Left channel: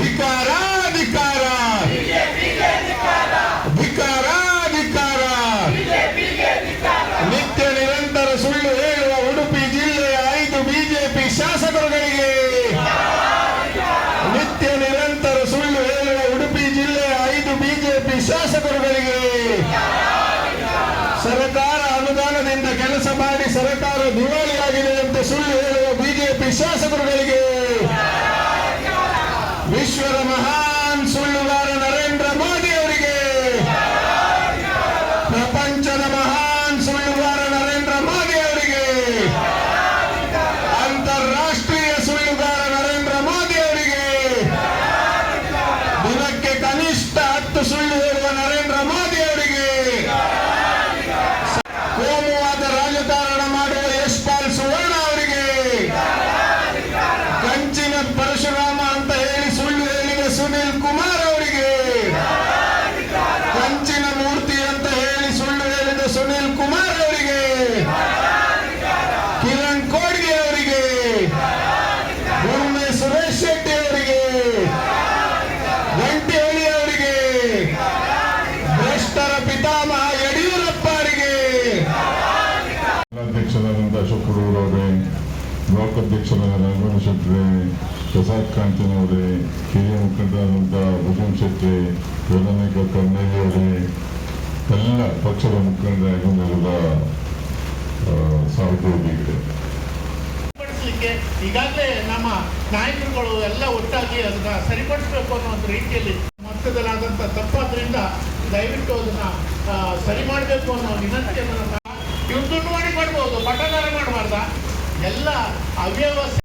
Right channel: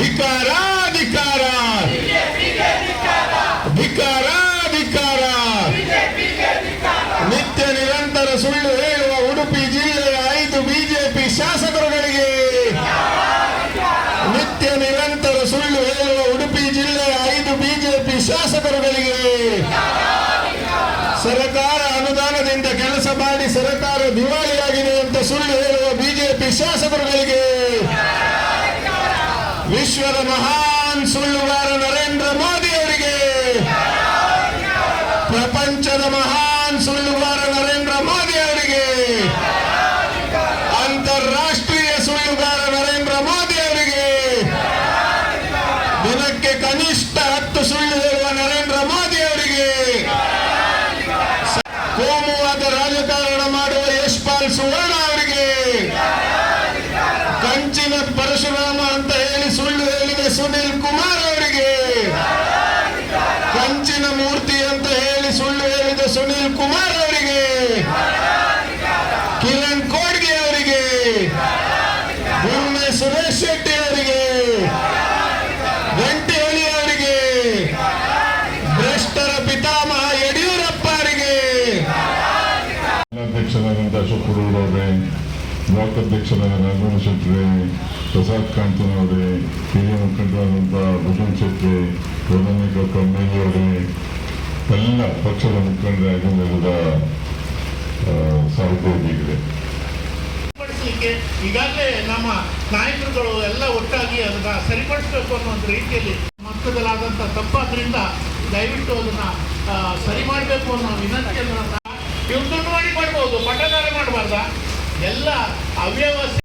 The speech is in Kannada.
ಧಿಕಾರ ಧಿಕಾರ ಧಿಕಾರ ಧಿಕಾರ ನಿತ್ಯ ನಿರಂತರ ಸುಳ್ಳು ಹೇಳುವ ಉಡುಪಿ ಜಿಲ್ಲೆಯ ಐದು ಬಿಜೆಪಿ ಶಾಸಕರುಗಳಿಗೆ. ನಿತ್ಯ ನಿರಂತರ ಸುಳ್ಳು ಹೇಳುವ ಉಡುಪಿ ಜಿಲ್ಲೆಯ ಐದು ಬಿಜೆಪಿ ಶಾಸಕರುಗಳಿಗೆ. ಸರ್ಕಾರ ಅನುದಾನದಿಂದ ಕೆಲಸ ಮಾಡಿ ಸರ್ಕಾರ ದಿವಾಳಿಯಾಗಿದೆ ಅಂತ ಸುಳ್ಳು ಹೇಳುವ ಬಿಜೆಪಿ ಶಾಸಕರುಗಳಿಗೆ. ವಿಶ್ವದ ಮಹಾನ್ ಸುಳ್ಳುಗಾರ ನರೇಂದ್ರ ಮೋದಿ ಅವರಿಗೆ ಪ್ರಪಂಚದ ಮಹಾನ್ ಸುಳ್ಳುಗಾರ ನರೇಂದ್ರ ಮೋದಿ ಅವರಿಗೆ ಅಂತಾರಾಷ್ಟ್ರೀಯ ಸುಳ್ಳುಗಾರ ನರೇಂದ್ರ ಮೋದಿ ಅವರಿಗೆ ದಿನಕ್ಕೆ ಕನಿಷ್ಠ ಹತ್ತು ಸುಳ್ಳು ಹೇಳುವ ನರೇಂದ್ರ ಮೋದಿ ಅವರಿಗೆ ಕೋಮುವಾದ ರಾಜಕಾರಣ ಮಾಡುವ ಯಶ್ಪಾಲ್ ಸುವರ್ಣ ಒಮ್ಮೆ ಸುರೇಶ್ ಶೆಟ್ಟಿ ಅವರಿಗೆ ವೆಂಕಟೇಳಿ ಅವರಿಗೆ, ಭ್ರಷ್ಟರ ಪಿತಾಮಹ ಯಡಿಯೂರಪ್ಪ ಅವರಿಗೆ ಅಧ್ಯಕ್ಷರಾದಂತಹ ಅಶೋಕ್ ಅವರೇ, ಬ್ಲಾಕ್ ಅಧ್ಯಕ್ಷರಾದ ನಾಗರಾಜ ಶೆಟ್ಟಿ ಪ್ರಸಾದ್ ಕಾಂತನವರೇ ಹಿರಿಯ ಮುಖಂಡರಾದಂಥ ಭೂಷಣ್ ಶೆಟ್ಟಿ ಎರಡನೇಕ ಅವರೇ, ಎಲ್ಲ ಪಕ್ಷದ ಮುಖಂಡರಾಗಿ ನಡೆದ ಸಹೋದ್ಯೋಗಿಗಳು. ಸರಿಪಡಿಸಲಿಕ್ಕೆ ಈಗಾಗಲೇ ನಮ್ಮ ನಾಯಕರುಗಳು ಎಲ್ಲ ಒಟ್ಟಾಗಿ ಅದನ್ನ ಸರಿಪಡಿಸಬೇಕು ಅನ್ನೋ ಒಂದು ರೀತಿಯಲ್ಲಿ ಮಟ್ಟದಲ್ಲಾದಂಥ ತಪ್ಪಾದ್ರಿಂದ ದಯವಿಟ್ಟು ಅದನ್ನ ಸರಿ ಮಾಡಬೇಕು ಅನ್ನೋ ವಿನಂತಿಯನ್ನು ಇವ್ರು ದುಡ್ಡು ಮಾಡಿ ಮಾಡ್ಬೋದು ಪಟ್ಟದಾರ ಮಾಡಬಾರ್ದ? ಎಲ್ಲ ಅವ್ಯವಸ್ಥೆ